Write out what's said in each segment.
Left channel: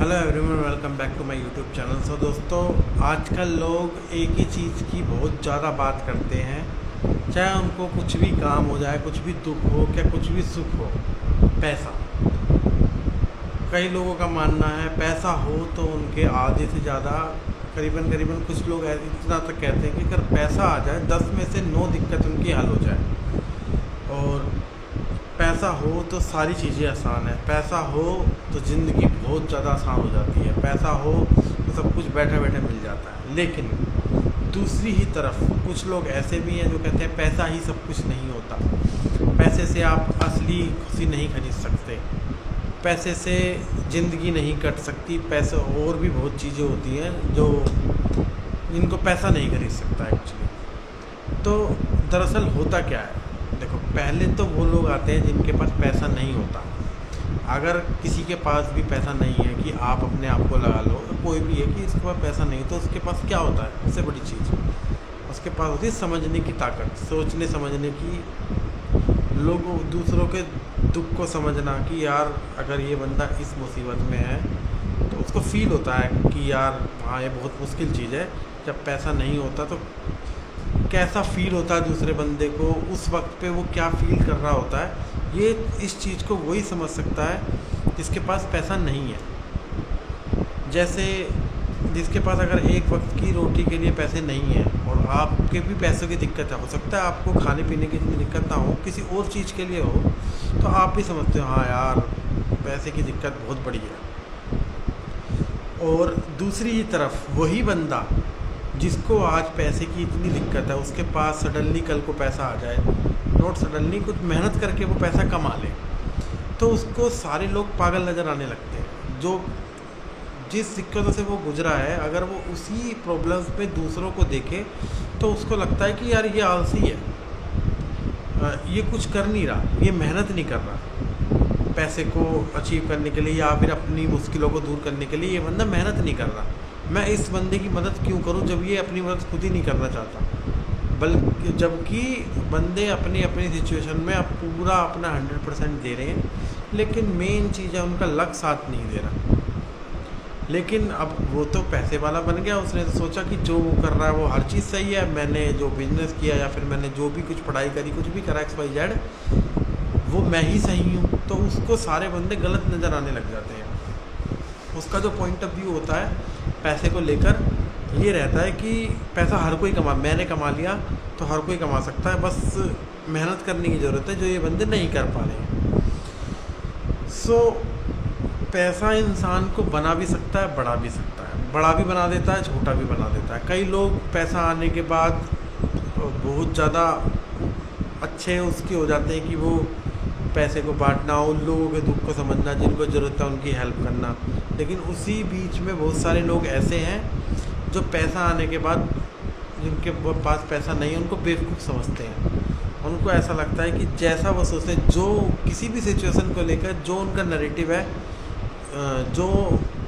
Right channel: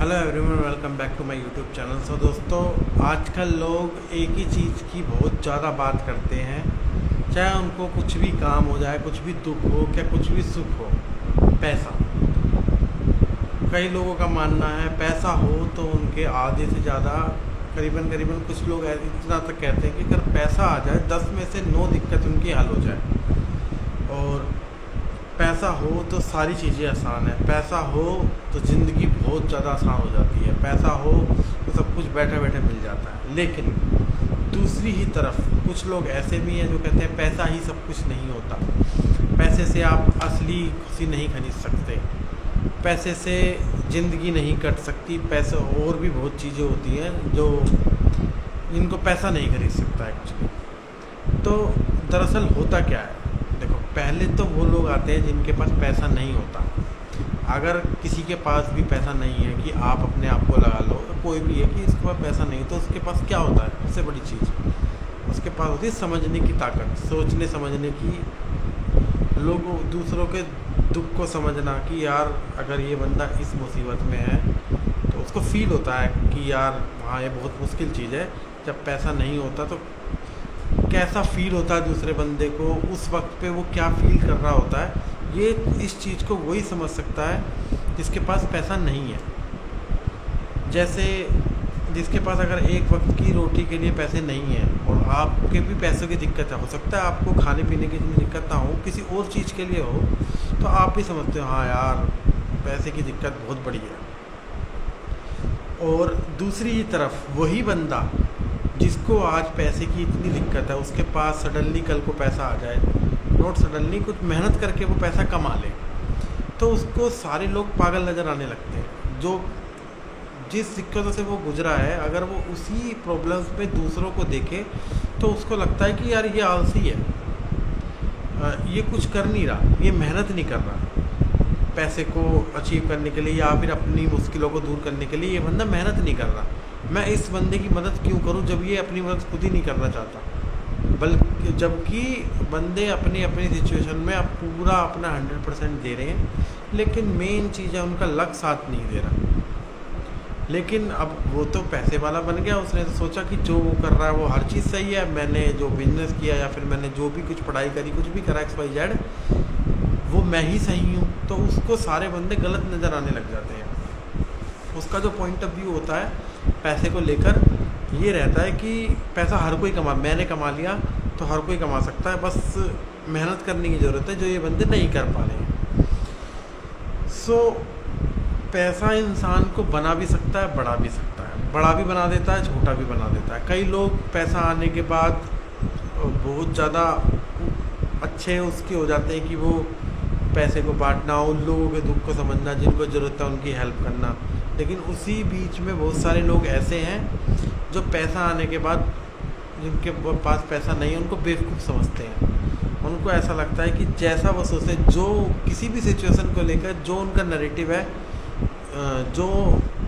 Hello everyone, welcome back to my YouTube channel. So दोस्तों, आजकल लोग एक ही चीज़ की बहुत ज़्यादा बात करते हैं, चाहे उनको कुछ भी काम हो जाए, कुछ भी दुख हो क्या कुछ भी सुख हो, पैसा। कई लोगों का मानना है पैसा हो तो उनके आधे से ज़्यादा करीबन करीबन कुछ लोग इतना तक कहते हैं कि अगर पैसा आ जाए 10 में से 9 दिक्कत उनकी हल हो जाए। और पैसा हो तो सारी चीज़ें आसान है, पैसा हो तो ज़िंदगी बहुत ज़्यादा आसान हो जाती है, पैसा हो तो सब कुछ बैठे बैठे मिल जाता है। लेकिन दूसरी ही तरफ कुछ लोग ऐसे भी हैं जो कहते हैं पैसा ही सब कुछ नहीं होता, पैसे से आप असली खुशी नहीं खरीद सकते, पैसे से ज़िंदगी नहीं कट सकती, पैसे और भी बहुत चीज़ें होती हैं जो इनको पैसा नहीं खरीद सकता एक्चुअली। तो दरअसल होता क्या है, देखो पहले तो वो लोग आते हैं जिनके पास पैसा नहीं होता। अगर किसी के पास भी पैसा नहीं है कि आप अपने आप को लगा लो, कोई भी है कि इसके पास पैसा नहीं, तो उसके पास क्या होता है, सबसे बड़ी चीज़ उसके पास होती है समझने की ताकत, सोचने समझने की, लोगों दूसरों के दुख को समझना कि यार अगर ये बंदा इस मुसीबत में है तो उसको फील होता है कि यार हाँ ये बहुत मुश्किल चीज़ है। जब पैसा नहीं होता तो कैसा फील होता है दूसरे बंदे को, उस वक्त पे वो क्या फील कर रहा होता है, ये इस चीज़ को वही समझ सकता है जिसके पास पैसा नहीं है। जैसे जिसके पास अगर एक वक्त की रोटी के लिए पैसे नहीं है और आपके भी पैसों की दिक्कत है, हो सकता है आपको खाने पीने की इतनी दिक्कत ना हो, किसी और चीज़ के लिए हो, तो आप भी समझते हो हाँ यार पैसे की दिक्कत बहुत बड़ी है। और दूसरी ही तरफ वही बंदा जिसको आज पैसे की इतनी दिक्कत है, उसके पास सडनली कल को पैसा आ जाए, नॉट सडनली, कुछ मेहनत करके वो पैसा कमा ले, तो उसको सारे लोग पागल नज़र आने लगते हैं। जो जिस दिक्कतों से वो गुजरा है, अगर वो उसी प्रॉब्लम्स पे दूसरों को देखे तो उसको लगता है कि यार ये आलसी है, ये कुछ कर नहीं रहा, ये मेहनत नहीं कर रहा पैसे को अचीव करने के लिए या फिर अपनी मुश्किलों को दूर करने के लिए, ये बंदा मेहनत नहीं कर रहा, मैं इस बंदे की मदद क्यों करूं जब ये अपनी मदद खुद ही नहीं करना चाहता। बल्कि जबकि बंदे अपनी अपनी सिचुएशन में अब पूरा अपना 100% दे रहे हैं, लेकिन मेन चीज़ है उनका लक साथ नहीं दे रहा। लेकिन अब वो तो पैसे वाला बन गया, उसने तो सोचा कि जो वो कर रहा है वो हर चीज़ सही है, मैंने जो बिजनेस किया या फिर मैंने जो भी कुछ पढ़ाई करी, कुछ भी करा XYZ, वो मैं ही सही हूँ, तो उसको सारे बंदे गलत नज़र आने लग जाते हैं। उसका जो पॉइंट ऑफ व्यू होता है पैसे को लेकर ये रहता है कि पैसा हर कोई मैंने कमा लिया तो हर कोई कमा सकता है, बस मेहनत करने की ज़रूरत है जो ये बंदे नहीं कर पा रहे हैं। पैसा इंसान को बना भी सकता है, बढ़ा भी सकता है, बड़ा भी बना देता है, छोटा भी बना देता है। कई लोग पैसा आने के बाद बहुत ज़्यादा अच्छे उसके हो जाते हैं कि वो पैसे को बांटना, उन लोगों के दुख को समझना, जिनको ज़रूरत है उनकी हेल्प करना। लेकिन उसी बीच में बहुत सारे लोग ऐसे हैं जो पैसा आने के बाद जिनके पास पैसा नहीं है उनको बेवकूफ़ समझते हैं। उनको ऐसा लगता है कि जैसा वो सोचे, जो किसी भी सिचुएशन को लेकर जो उनका नैरेटिव है, जो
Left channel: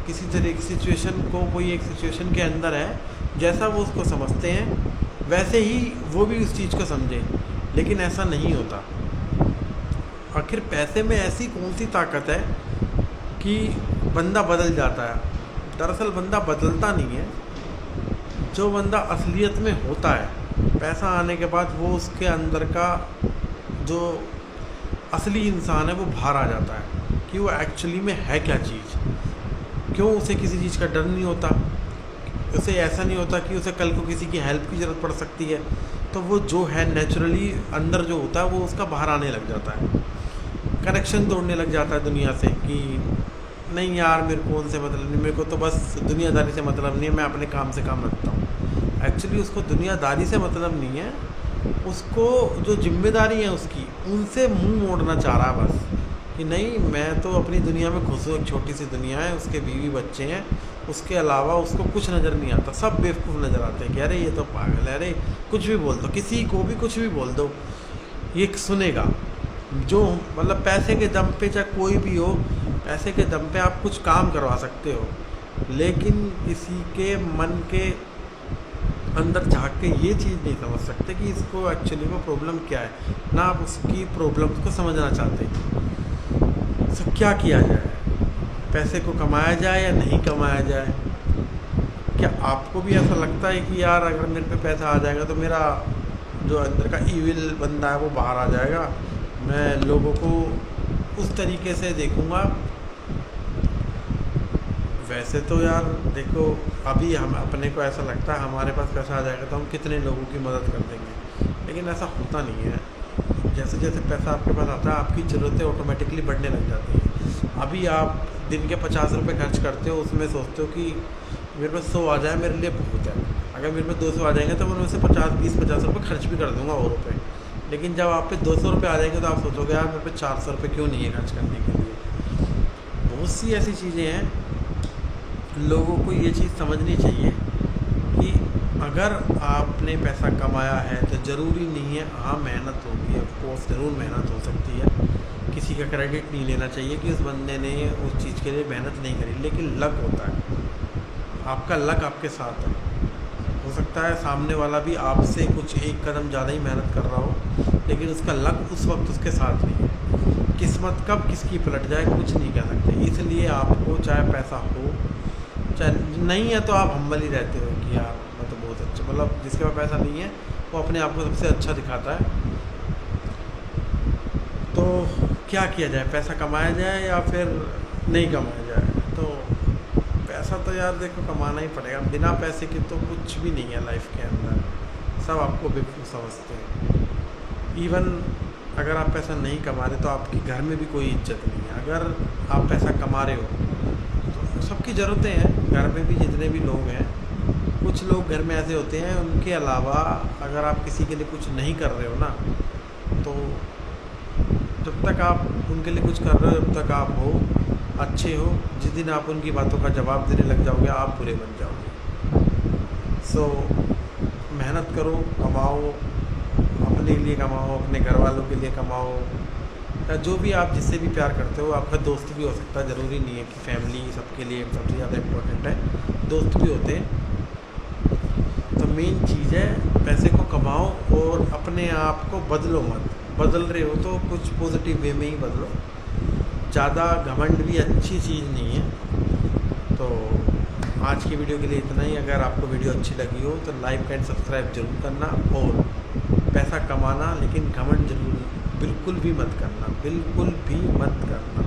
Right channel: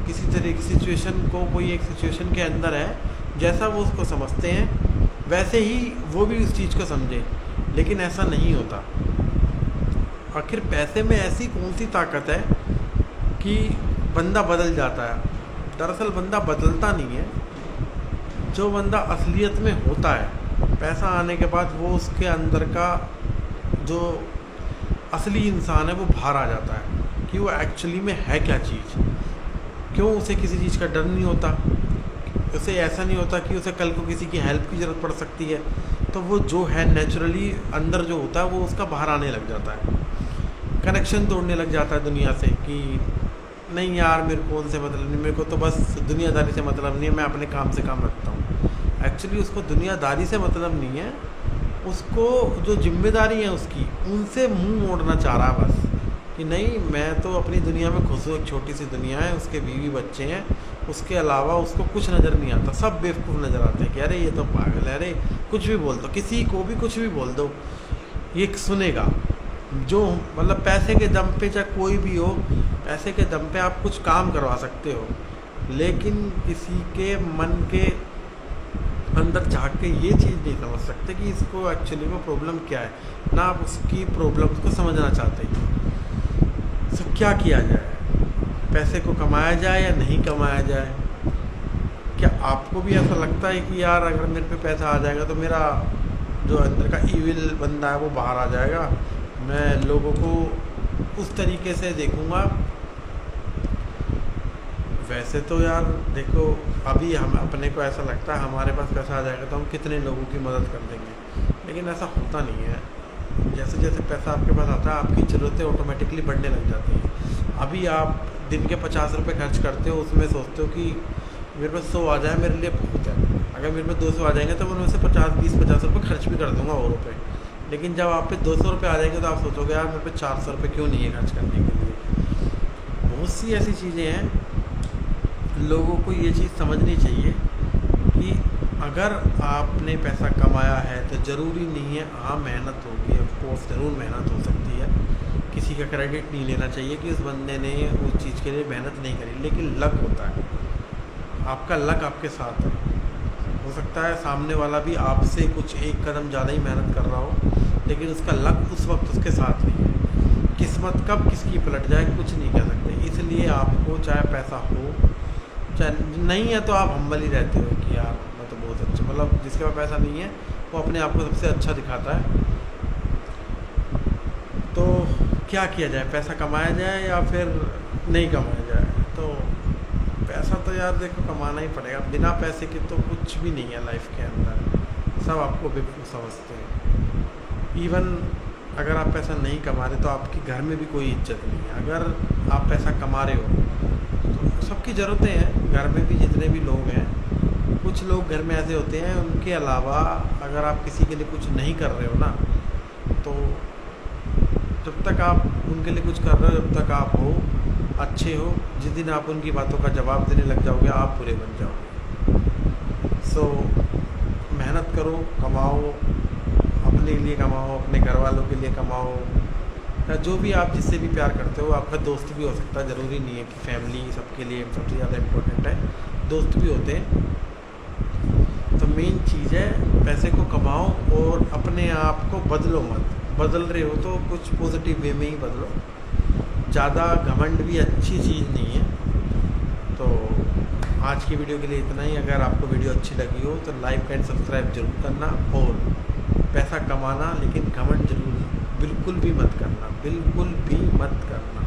किसी तरह की सिचुएशन को, कोई एक सिचुएशन के अंदर है, जैसा वो उसको समझते हैं वैसे ही वो भी उस चीज़ को समझे। लेकिन ऐसा नहीं होता। आखिर पैसे में ऐसी कौन सी ताकत है कि बंदा बदल जाता है? दरअसल बंदा बदलता नहीं है, जो बंदा असलियत में होता है पैसा आने के बाद वो उसके अंदर का जो असली इंसान है वो बाहर आ जाता है कि वो एक्चुअली में है क्या चीज़। क्यों उसे किसी चीज़ का डर नहीं होता, उसे ऐसा नहीं होता कि उसे कल को किसी की हेल्प की ज़रूरत पड़ सकती है, तो वो जो है नेचुरली अंदर जो होता है वो उसका बाहर आने लग जाता है, कनेक्शन तोड़ने लग जाता है दुनिया से कि नहीं यार मेरे को उनसे मतलब नहीं, मेरे को तो बस दुनियादारी से मतलब नहीं है, मैं अपने काम से काम रखता हूँ। एक्चुअली उसको दुनियादारी से मतलब नहीं है, उसको जो जिम्मेदारी है उसकी, उनसे मुंह मोड़ना चाह रहा है बस कि नहीं मैं तो अपनी दुनिया में खुश हूँ, एक छोटी सी दुनिया है, उसके बीवी बच्चे हैं, उसके अलावा उसको कुछ नज़र नहीं आता। सब बेवकूफ़ नज़र आते हैं कि अरे ये तो पागल है, अरे कुछ भी बोल दो, किसी को भी कुछ भी बोल दो ये सुनेगा। जो मतलब पैसे के दम पे, चाहे कोई भी हो, पैसे के दम पे आप कुछ काम करवा सकते हो, लेकिन किसी के मन के अंदर झाँक के ये चीज़ नहीं समझ सकते कि इसको एक्चुअली में प्रॉब्लम क्या है, ना आप उसकी प्रॉब्लम्स को समझना चाहते। सो क्या किया जाए? पैसे को कमाया जाए या नहीं कमाया जाए? क्या आपको भी ऐसा लगता है कि यार अगर मेरे पे पैसा आ जाएगा तो मेरा जो अंदर का ईविल बंदा है वो बाहर आ जाएगा, मैं लोगों को उस तरीके से देखूँगा? वैसे तो यार देखो, अभी हम अपने को ऐसा लगता है हमारे पास पैसा आ जाएगा तो हम कितने लोगों की मदद कर देंगे, लेकिन ऐसा होता नहीं है। जैसे जैसे पैसा आपके पास आता है आपकी ज़रूरतें ऑटोमेटिकली बढ़ने लग जाती हैं। अभी आप दिन के 50 रुपये खर्च करते हो, उसमें सोचते हो कि मेरे पास 100 आ जाए मेरे लिए बहुत है, अगर मेरे पास 200 आ जाएंगे तो मैं उनमें से 50 रुपये खर्च भी कर दूँगा और रुपये। लेकिन जब आप पे 200 रुपये आ जाएंगे तो आप सोचोगे यार मेरे पे 400 रुपये क्यों नहीं है खर्च करने के लिए। बहुत सी ऐसी चीज़ें हैं, लोगों को ये चीज़ समझनी चाहिए कि अगर आपने पैसा कमाया है तो ज़रूरी नहीं है, हाँ मेहनत होगी, ऑफ कोर्स ज़रूर मेहनत हो सकती है, किसी का क्रेडिट नहीं लेना चाहिए कि उस बंदे ने उस चीज़ के लिए मेहनत नहीं करी, लेकिन लक होता है, आपका लक आपके साथ है। हो सकता है सामने वाला भी आपसे कुछ एक कदम ज़्यादा ही मेहनत कर रहा हो, लेकिन उसका लक उस वक्त उसके साथ नहीं है। किस्मत कब किसकी पलट जाए कुछ नहीं कह सकते, इसलिए आपको चाहे पैसा हो चाहे नहीं है तो आप हम्बल ही रहते हो कि यार मैं तो बहुत अच्छा, मतलब जिसके पास पैसा नहीं है वो अपने आप को सबसे अच्छा दिखाता है। तो क्या किया जाए, पैसा कमाया जाए या फिर नहीं कमाया जाए? तो पैसा तो यार देखो कमाना ही पड़ेगा, बिना पैसे के तो कुछ भी नहीं है लाइफ के अंदर, सब आपको बेवकूफ़ समझते हैं। इवन अगर आप पैसा नहीं कमा रहे तो आपके घर में भी कोई इज्जत नहीं है। अगर आप पैसा कमा रहे हो तो सबकी ज़रूरतें हैं, घर में भी जितने भी लोग हैं, कुछ लोग घर में ऐसे होते हैं, उनके अलावा अगर आप किसी के लिए कुछ नहीं कर रहे हो ना, तो जब तक आप उनके लिए कुछ कर रहे हो जब तक आप हो अच्छे हो, जिस दिन आप उनकी बातों का जवाब देने लग जाओगे आप बुरे बन जाओगे। सो मेहनत करो, कमाओ, अपने लिए कमाओ, अपने घर वालों के लिए कमाओ, या जो भी आप जिससे भी प्यार करते हो, आपका दोस्त भी हो सकता है, ज़रूरी नहीं है कि फैमिली सबके लिए सबसे ज़्यादा इम्पोर्टेंट है, दोस्त भी होते हैं। तो मेन चीज़ है पैसे को कमाओ और अपने आप को बदलो मत, बदल रहे हो तो कुछ पॉजिटिव वे में ही बदलो, ज़्यादा घमंड भी अच्छी चीज़ नहीं है। तो आज की वीडियो के लिए इतना ही। अगर आपको वीडियो अच्छी लगी हो तो लाइक एंड सब्सक्राइब जरूर करना, और पैसा कमाना लेकिन घमंड जरूर बिल्कुल भी मत करना, बिल्कुल भी मत करना।